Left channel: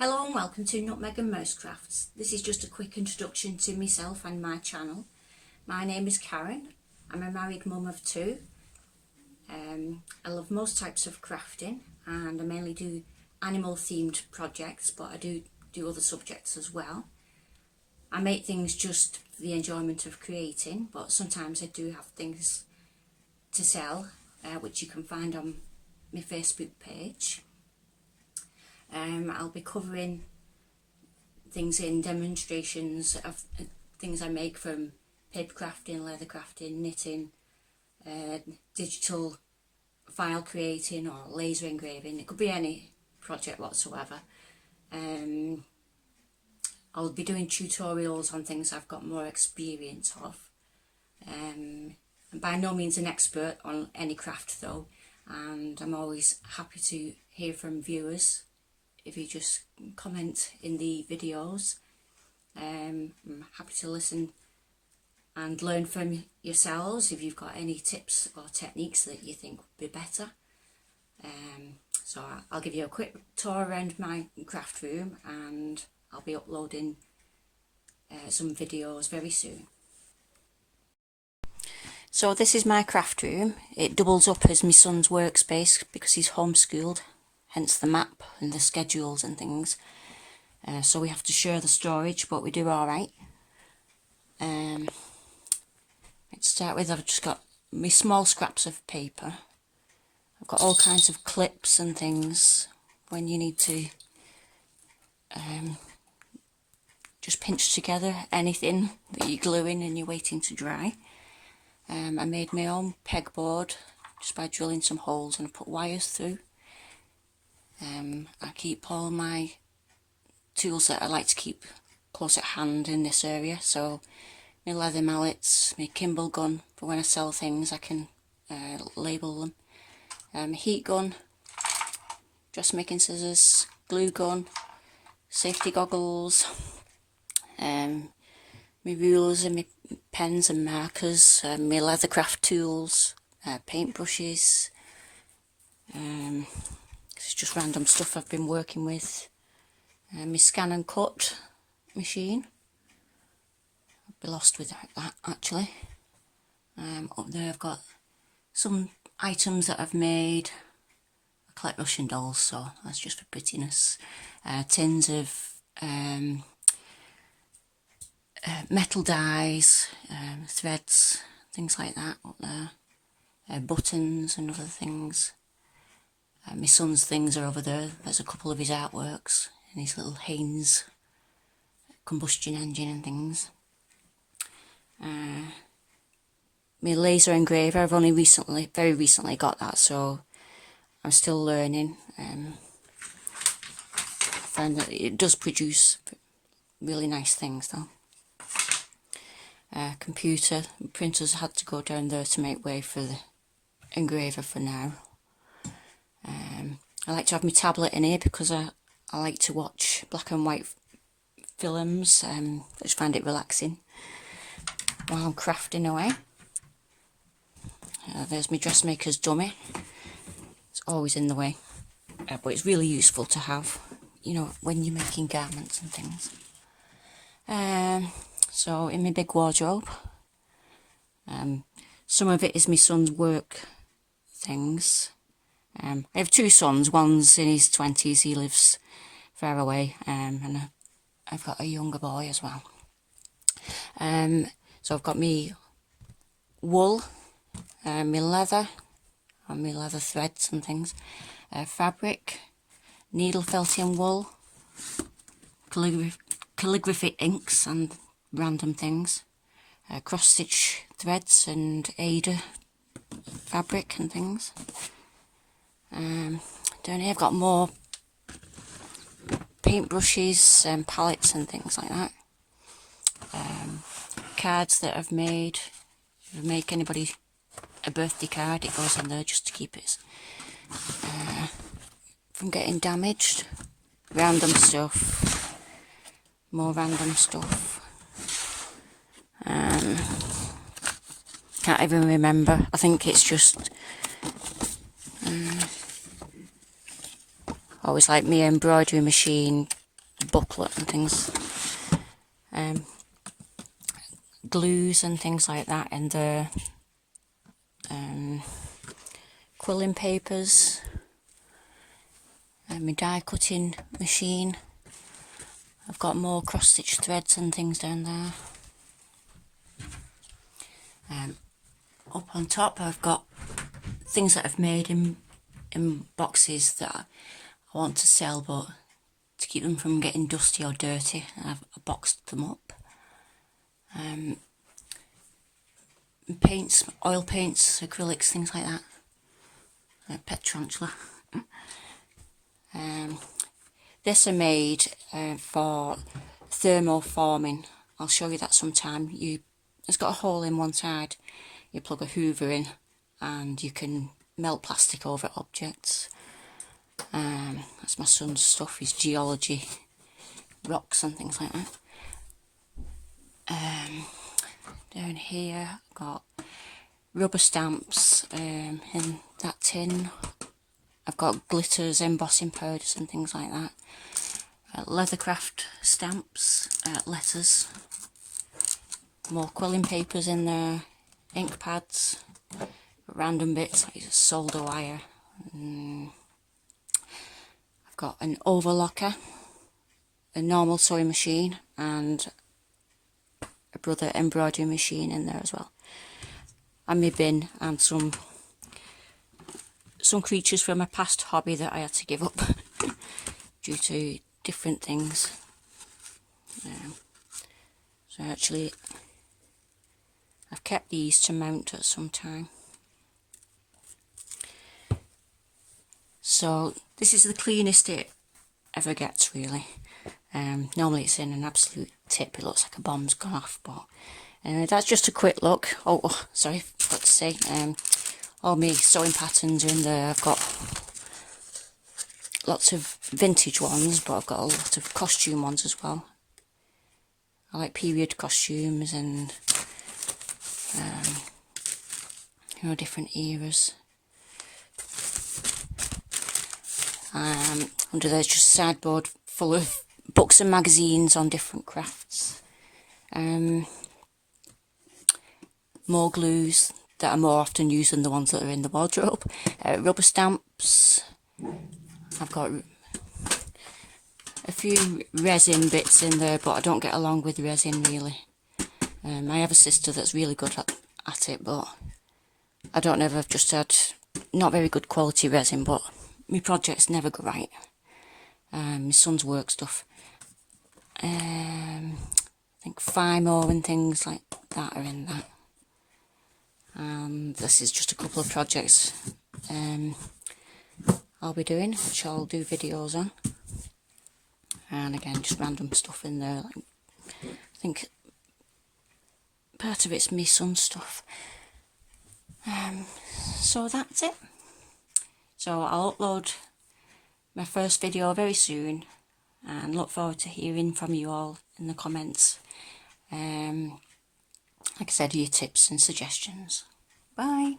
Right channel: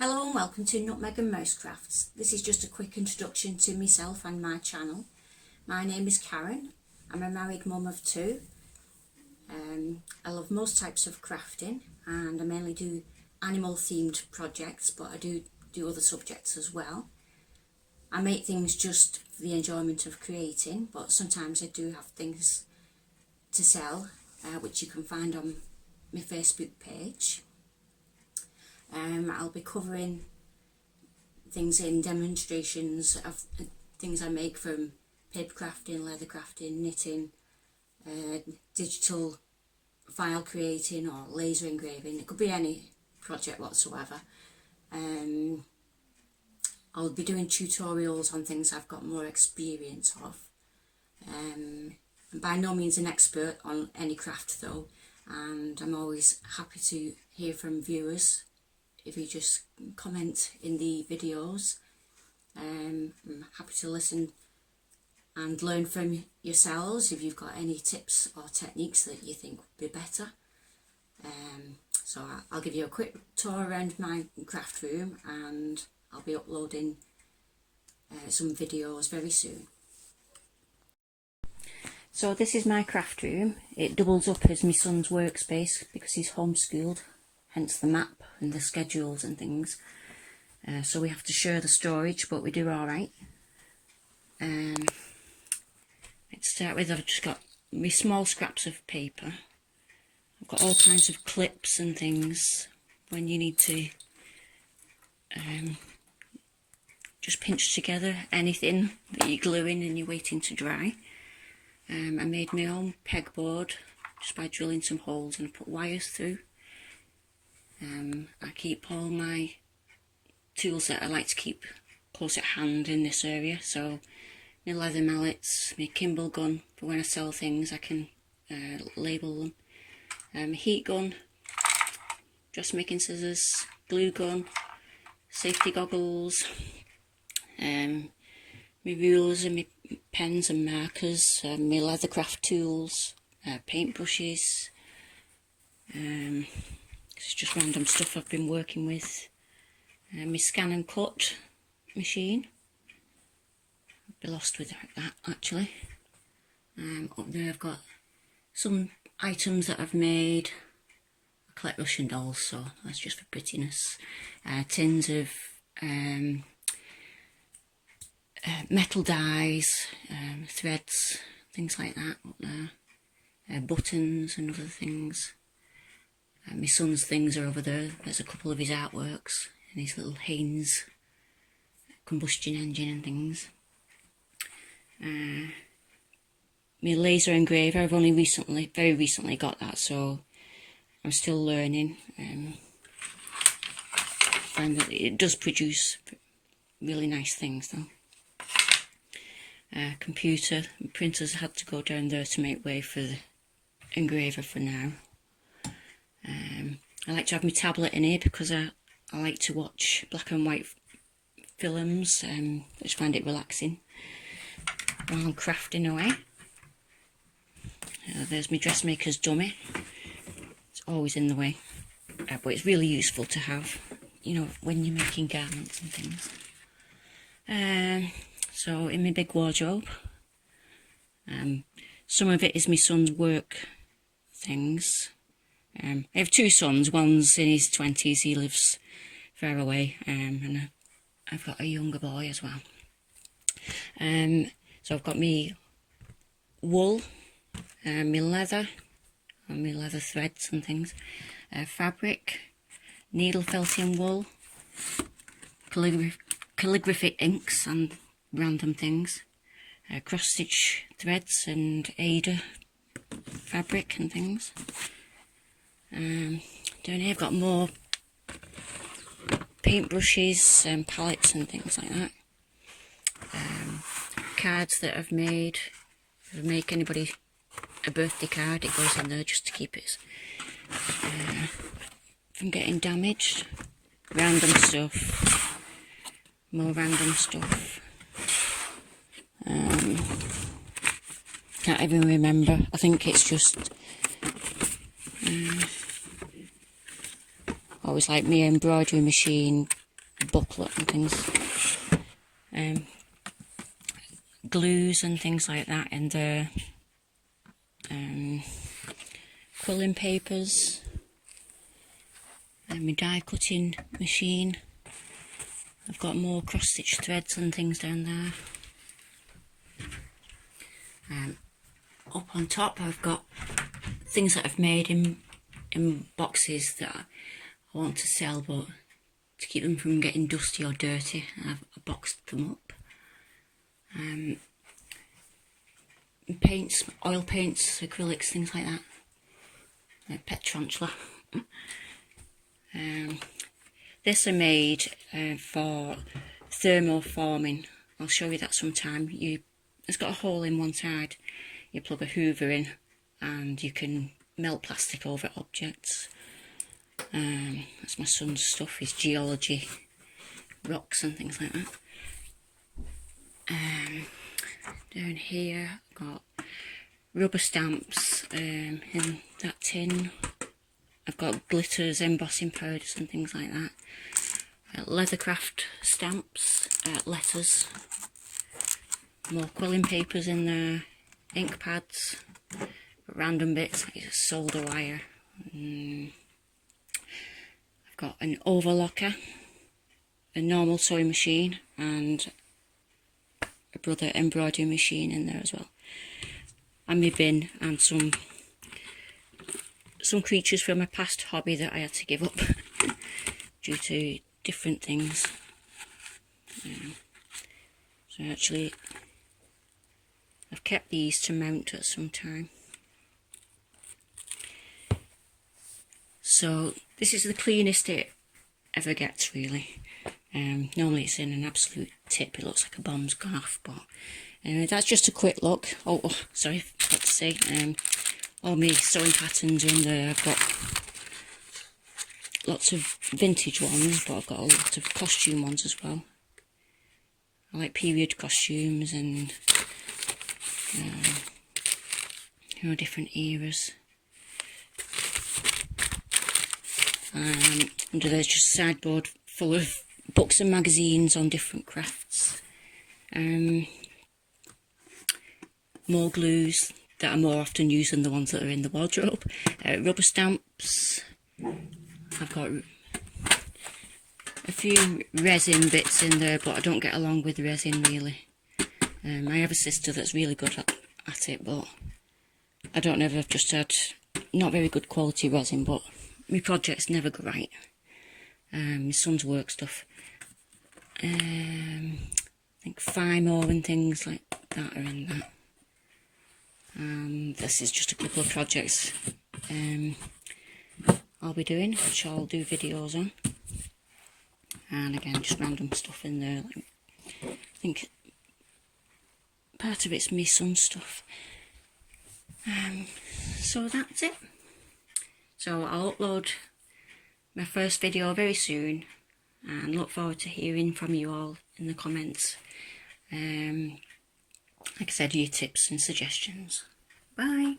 Hello and welcome to Nutmeg and Mouse Crafts. This is just a quick introduction to myself and my channel. My name is Karen. I'm a married mum of two. I love most types of crafting and I mainly do animal themed projects, but I do other subjects as well. I make things just for the enjoyment of creating, but sometimes I do have things to sell, which you can find on my Facebook page. I'll be covering things in demonstrations of things I make from paper crafting, leather crafting, knitting, digital file creating or laser engraving. It could be any project whatsoever. I'll be doing tutorials on things I've got more experience of. I'm by no means an expert on any craft though, and I'm always happy to hear from viewers. If you just comment in the videos, I'm happy to listen and learn from yourselves if you've got any tips or techniques that you think would be better. So I'll give you a quick tour around my craft room and I'll be uploading some videos very soon. So this is my craft room. It doubles up as my son's workspace because he's homeschooled. Hence the map and the schedules and things. So we have to share the storage, but we do alright. To start with, I've just got my small scraps of paper. I've got all kinds of clips and things when you need to just pinch together anything that you're gluing and you're waiting to dry. I made my own pegboard just by drilling some holes and I put wires through. I keep all my tools that I like to keep close at hand in this area, so my leather mallets, my Kimball gun for when I sell things I can label them, heat gun, dressmaking scissors, glue gun, safety goggles, my rulers and my pens and markers, my leather craft tools, paintbrushes. It's just random stuff I've been working with. My scan and cut machine. I'd be lost without that actually. Up there I've got some items that I've made. I collect Russian dolls, so that's just for prettiness. Tins of metal dies, threads, things like that up there. Buttons and other things. My son's things are over there. There's a couple of his artworks and his little Haynes combustion engine and things. My laser engraver, I've only very recently got that, so I'm still learning. Find that it does produce really nice things though. Computer, printers had to go down there to make way for the engraver for now. I like to have my tablet in here because I like to watch black and white films. I just find it relaxing while I'm crafting away. There's my dressmaker's dummy. It's always in the way, but it's really useful to have, you know, when you're making garments and things. So in my big wardrobe, some of it is my son's work things. I have two sons, one's in his 20s, he lives far away, and I've got a younger boy as well. So I've got me wool, my leather, and my leather threads and things, fabric, needle felting wool, calligraphic inks and random things, cross stitch threads and Ada fabric and things. Down here I've got more paintbrushes and palettes and things like that. Cards that I've made. If I make anybody a birthday card, it goes in there just to keep it from getting damaged. Random stuff. More random stuff. Can't even remember. I think it's just always like my embroidery machine, booklet and things. Glues and things like that, and the quilling papers, and my die cutting machine. I've got more cross stitch threads and things down there. Up on top I've got things that I've made in boxes that I want to sell, but to keep them from getting dusty or dirty, I've boxed them up. Paints, oil paints, acrylics, things like that. Pet tarantula. This I made for thermoforming. I'll show you that sometime. It's got a hole in one side. You plug a hoover in and you can melt plastic over objects. That's my son's stuff, his geology, rocks and things like that. Down here I've got rubber stamps in that tin. I've got glitters, embossing powders and things like that. Leathercraft stamps, letters, more quilling papers in there, ink pads, random bits like solder wire. I've got an overlocker, a normal sewing machine, and a Brother embroidery machine in there as well. And my bin, and some creatures from my past hobby that I had to give up due to different things. So actually I've kept these to mount at some time. So this is the cleanest it ever gets, really. Normally it's in an absolute tip, it looks like a bomb's gone off, but that's just a quick look. Oh sorry, forgot to say, all my sewing patterns are in there. I've got lots of vintage ones, but I've got a lot of costume ones as well. I like period costumes and different eras. Under there's just a sideboard full of books and magazines on different crafts. More glues that are more often used than the ones that are in the wardrobe. Rubber stamps. I've got a few resin bits in there, but I don't get along with resin really. I have a sister that's really good at it, but I don't know if I've just had not very good quality resin, but my projects never go right. My son's work stuff. I think Fimo and things like that are in that. This is just a couple of projects I'll be doing, which I'll do videos on. And again, just random stuff in there. Like, I think part of it's my son's stuff. So that's it. So I'll upload my first video very soon, and look forward to hearing from you all in the comments. Like I said, your tips and suggestions. Bye.